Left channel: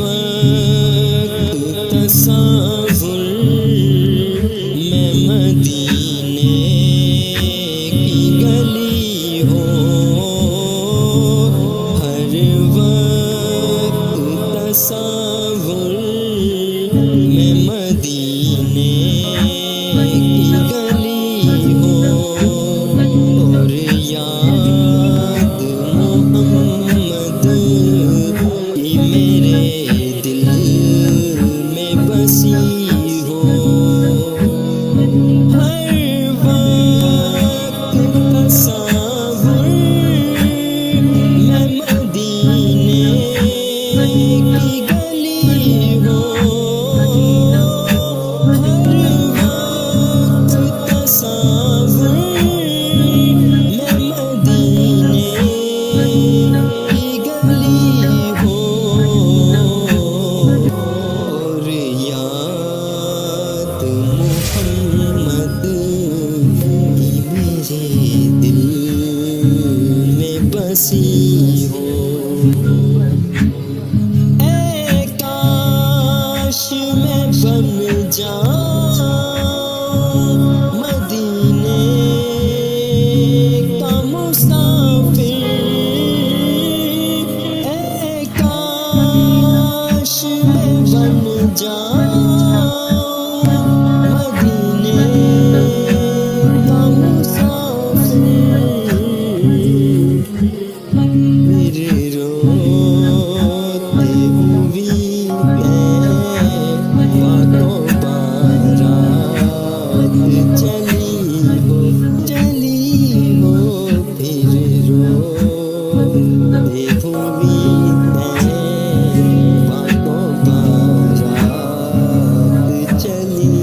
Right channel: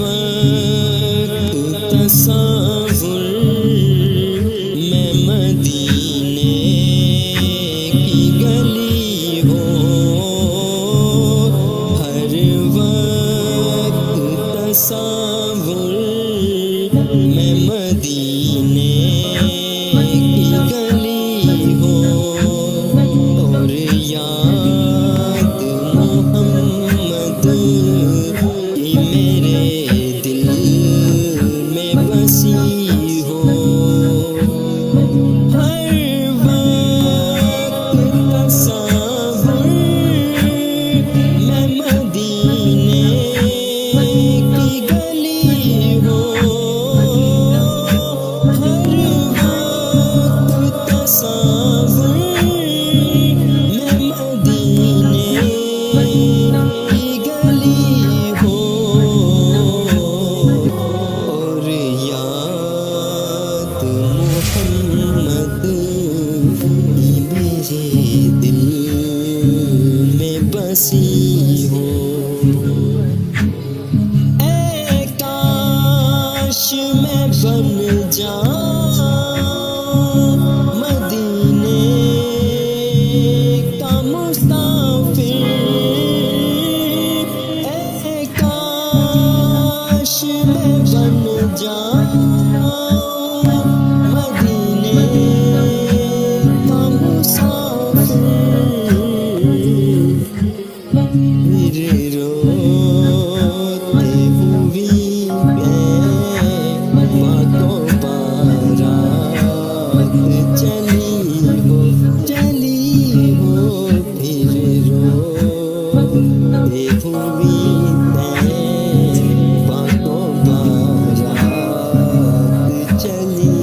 وقت تصور میں مدینے کی گلی ہوں، ہر وقت تصور میں مدینے کی گلی ہوں، اور یاد محمد کی میرے دل میں بسی ہو، ہر وقت تصور میں مدینے کی گلی ہو، ہر وقت تصور میں مدینے کی گلی ہو، اور یاد محمد کی میرے دل میں بسی ہو۔ اے کاش میں بن جاؤں مدینے کا مسافر، اے کاش میں بن جاؤں مدینے کا مسافر، پھر روتے ہوئی کو بارات چلی ہو، پھر روتے ہوئی کو بارات چلی